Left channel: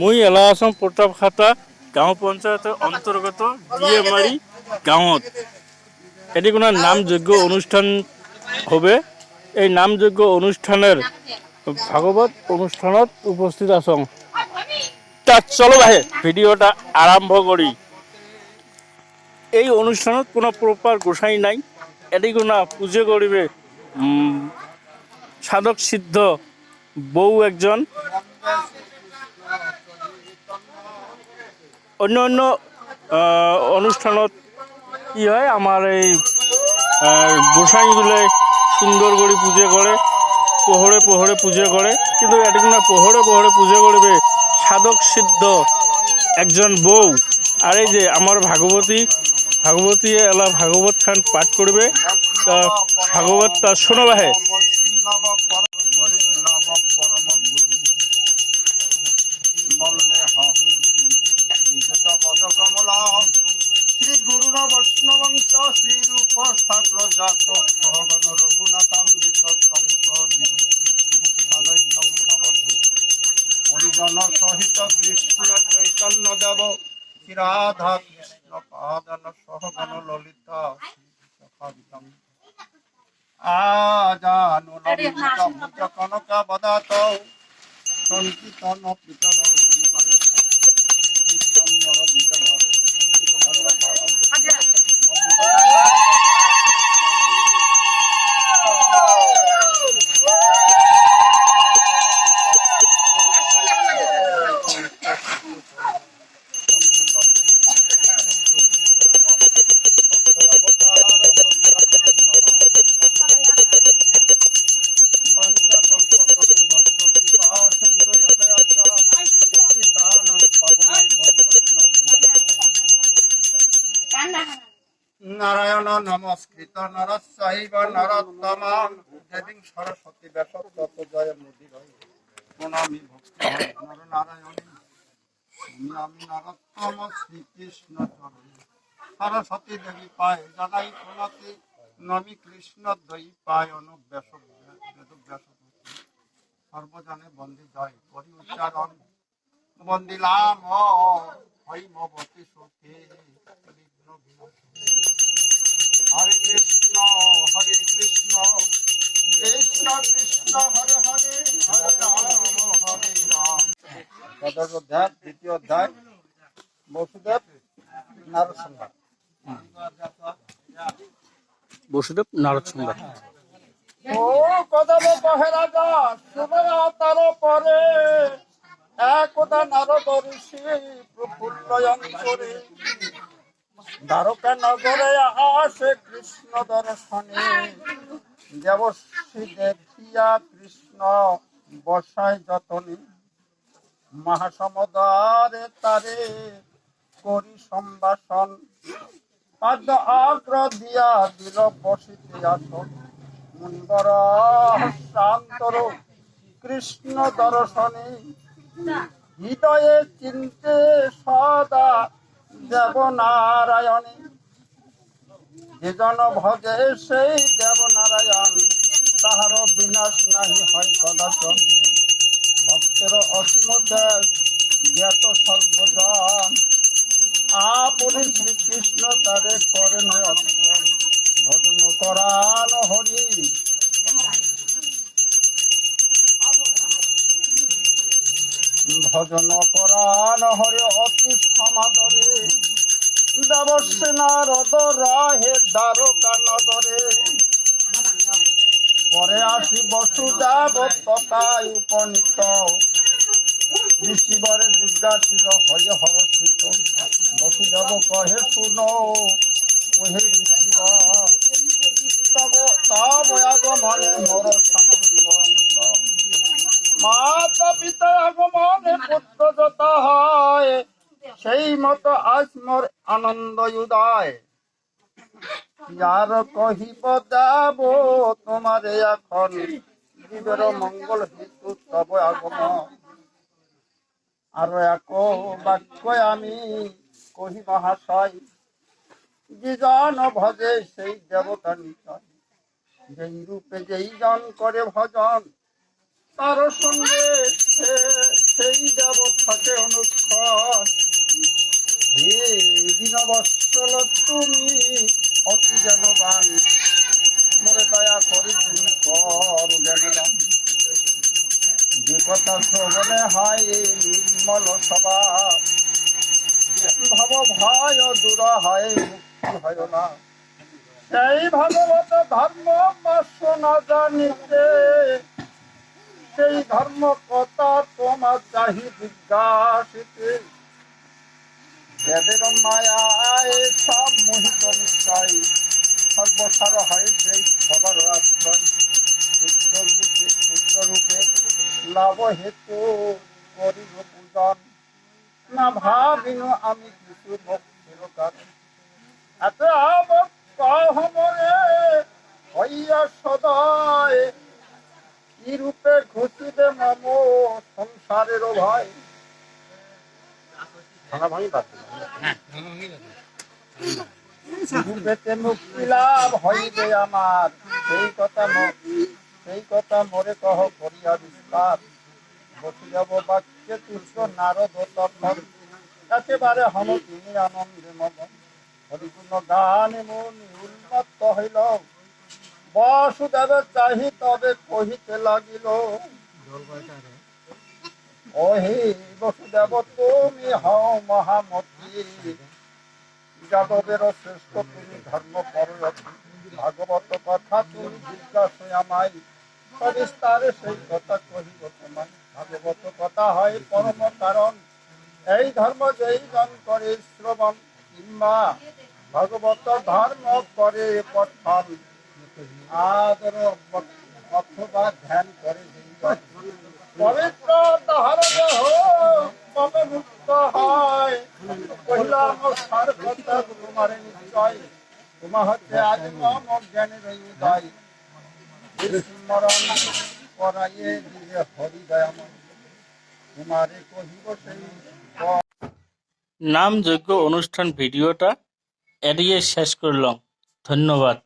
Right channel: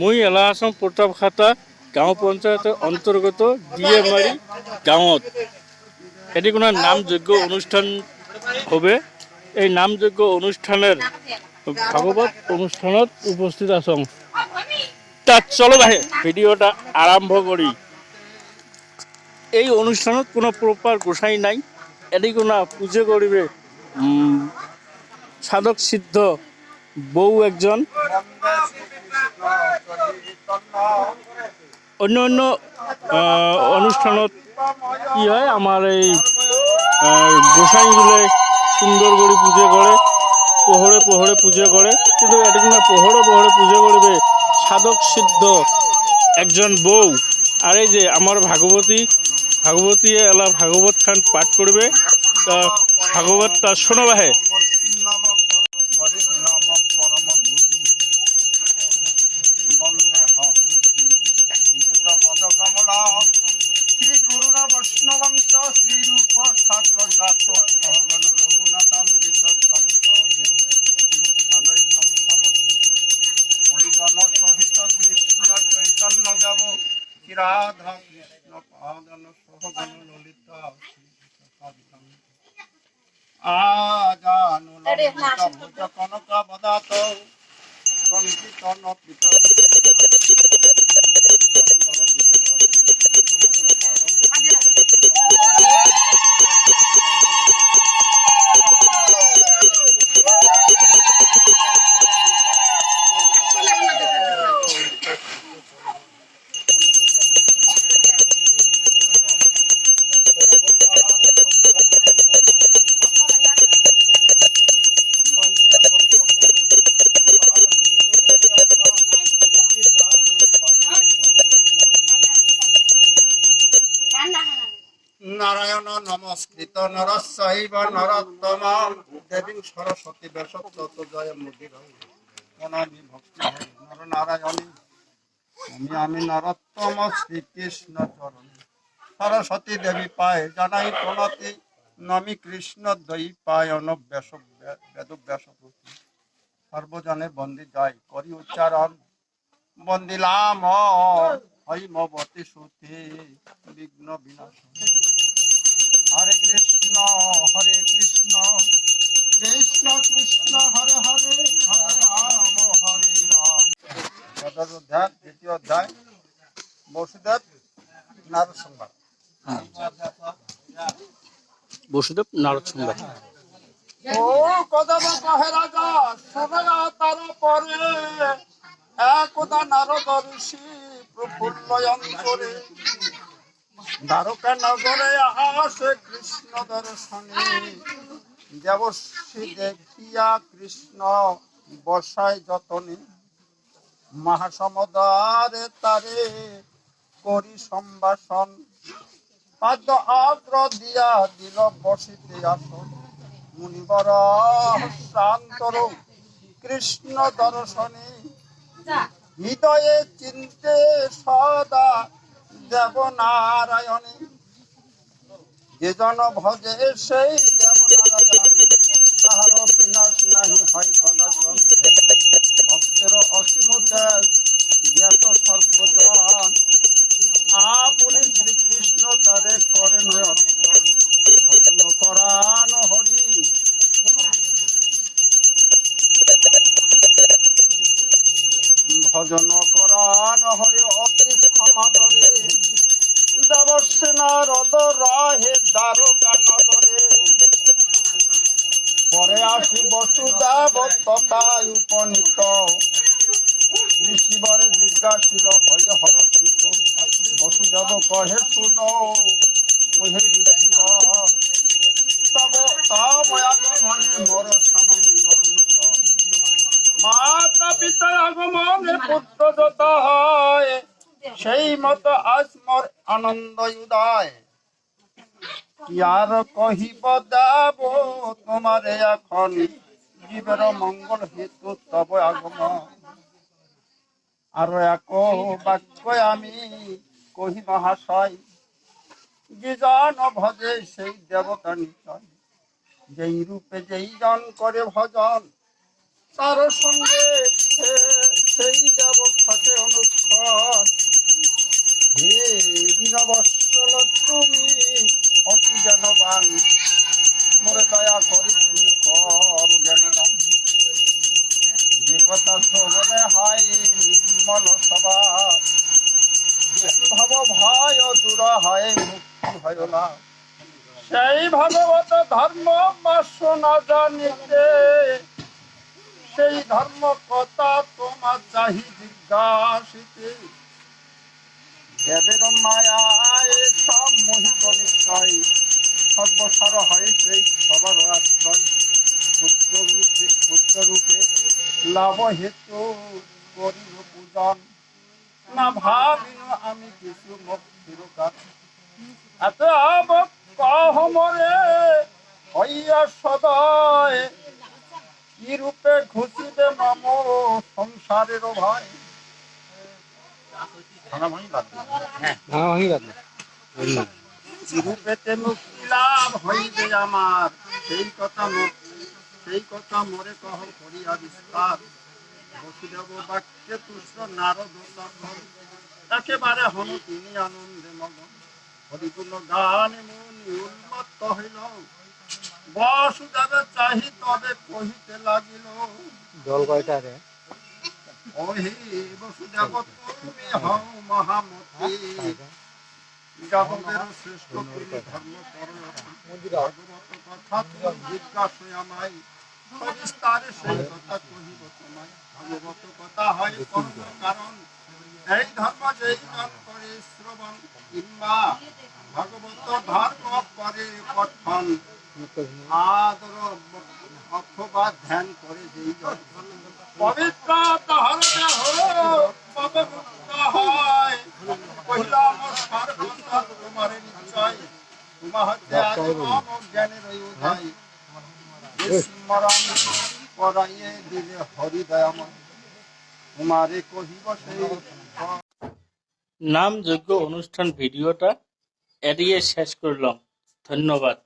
মই এলা আছাম প্ৰতাপখাতা গাঁও পঞ্চায়তৰ অন্তৰ্গত ডিএমাৰি গাঁৱত এটি কোনো নামযজ্ঞ অনুষ্ঠান হবে। এই নামযজ্ঞ অনুষ্ঠানের ভাগবত অনুষ্ঠানত উপস্থিত আছং। তাত চলো ভাই ভিডিওটা আরম্ভ করি। এই অনুষ্ঠানত কোনো প্রপার গোসাই নাই। এটি কোনো পুজো করিবে সাধক সিদ্ধ বউ একজন। অন্য অন্য অনুষ্ঠানত কি হয়, আমার এই গোসাইগুলো সুন্দর করে পুজো করে, পোহরে পোহরে পুজো করে। কিন্তু এটি না, পোহরে পোহরে পুজো করবে সাধক সিদ্ধ একজন বউ। আর এই যে আমার ভাগবতী এলা ভাগবত খান পাঠ করবে। তা ভাগবতটা শোনো ভাই। শ্রী গুরু বৈষ্ণবংশ শ্রীরূপ সাগ্র জাত সহগণ রঘুনাথামৃত হরিজন সহিত কৃষ্ণ চৈতন্য দেব রাধা কৃষ্ণ পাদন সহগণ ললিতা আজানু ললিত কনক বদাত সংকীর্তন পিতর নারায়ণ নমস্কৃত নরস্যৈব নরোত্তমং দেবীং সরস্বতী ব্যাসত্তত জয় মুদির প্রণামি ভক্তি নর নারায়ণী আমি নরোত্তম শ্রীকৃষ্ণ চরণে সরস্বতী দেবী পায় জানাই প্রণতি নমি কৃষ্ণ দ্বৈপায়ন ব্যাস বেদ ব্যাসপতি সর্বজনে বন্দি যায় করি উচ্চারণ বন্দিলাম হৈমবতী শ্রুতি বিঘ্ন বিনাশ। হরে কৃষ্ণ কৃষ্ণ কৃষ্ণ হরে হরে হরে রাম। সদর অধ্যায় দ্বিতীয় অধ্যায় বসুদেব নারদ সংবাদ। বসুদেব নারদ সংবাদ। ও কদম কহে রাজা শুনয়া তার পরে একদা নারদ ঋষি প্রফুল্ল অন্তরে দ্বারকা নগরে আসে কৃষ্ণ দর্শনে দেবশ্রী দেখিয়া কৃষ্ণ বসায় যতনে মহাসমুদ্রে তারে করি সম্ভাষণ পাদ্য আগ্র দিয়া দিল বসিতে আসন মুনিবর শান্তর কৃষ্ণ দর্শনে হৃদয়ে চিন্তে সদা দেব নারায়ণী যে জন ভজে সেই দেব নারায়ণ তাহার বিনাশ নাহি হয় কদাচন ভক্তের অসীম দেশ জ্ঞাত সর্বজন আপনি শ্রীকৃষ্ণ তারে করেন অর্চন ভজন করান হরি ভজন করান হরে অতি সমাদরে দেবশ্রী নারদ রাহে দ্বারকা নগরে পরে আসি বসুদেব তথায় উপনীত ঋষিবরে জিজ্ঞাসিল হয়ে হরষিত বসুদেব কহে শুনো ওহে ঋষিবর তব আগমনে মোর সানন্দ মাতা পিতা আগমনে পুত্র যত হয় সেই মতো আজ মোর আনন্দ উদয় কি আর কহিব দেব তোমারে এখন জীবের মঙ্গল হেতু তব আগমন আর এক বাক্য আমি কহি মহাশয় যে জন ভজে সেই দেবতা নিশ্চয় যেই রূপে যেই জন করে ভজন তার সঙ্গে সেই দেব থাকে অনুক্ষণ। হে দীনবৎসল তুমি অতি জ্ঞানবান, মোরে দয়া করি তুমি কর জ্ঞানদান। যে কথা শ্রবণে হয় নির্মল সভা, ভব ভয় দূর হয় মুক্তি হয় না। সেই ভাগবত ধর্ম মাস্য না জানিতে, সেই ধর্ম কথা তোমার চাহি জিজ্ঞাসিতে। দেবের মায়ায় সব মোহিত নিশ্চয়, সর্বসার হয় সেই সবার আশ্রয়। পুত্র রূপে লাভ হেতু করিব পূজন, না ভাবিনু আমি কিছু মুক্তির কারণ। এত আবক কহমরে হইয়া সদয়, কি রূপে ঘুষিবে মম সংসারের ভয়। রূপেতে মুক্তি লাভ হইবে আমার, সেই কথা মোরে কহ করিয়া বিস্তার। বসুদেব বাক্যে তুষ্ট নারদ তখন, একেবারে হন তিনি আনন্দে মগন। হরিগুণ গানে মনি উন্মত্ত হইল, বাসুদেবের চাহি তবে কহিতে লাগিল। ও হে বসুদেব তুমি হও মহামতি, যাদবের শ্রেষ্ঠ তুমি ধর্ম পররথী। ভাগবত কথা তুমি জিজ্ঞাসা আমায়, সবিস্তারে সেই কথা কহিব তোমায়। ভাগবত কথা হয় পরম কারণ, এই ধর্ম যেই জন করে শ্রবণ, কিংবা ভাগবত ধর্ম করে পঠন, আদর অথবা ধ্যান করে যেই জন, পবিত্র তাহার দেহ পাবে মুক্ত হয়। কহিলাম সার কথা তোমার নিশ্চয়, তোমার হতে আজ মম জ্ঞানের উদয়। স্মরণ করাইয়ে দিলে হরিদয়াময়, তোমারে কহিব সেই। নাম যজ্ঞ অনুষ্ঠান ভিডিওটা এড়িয়ে শেষ করলাম। ধন্যবাদ।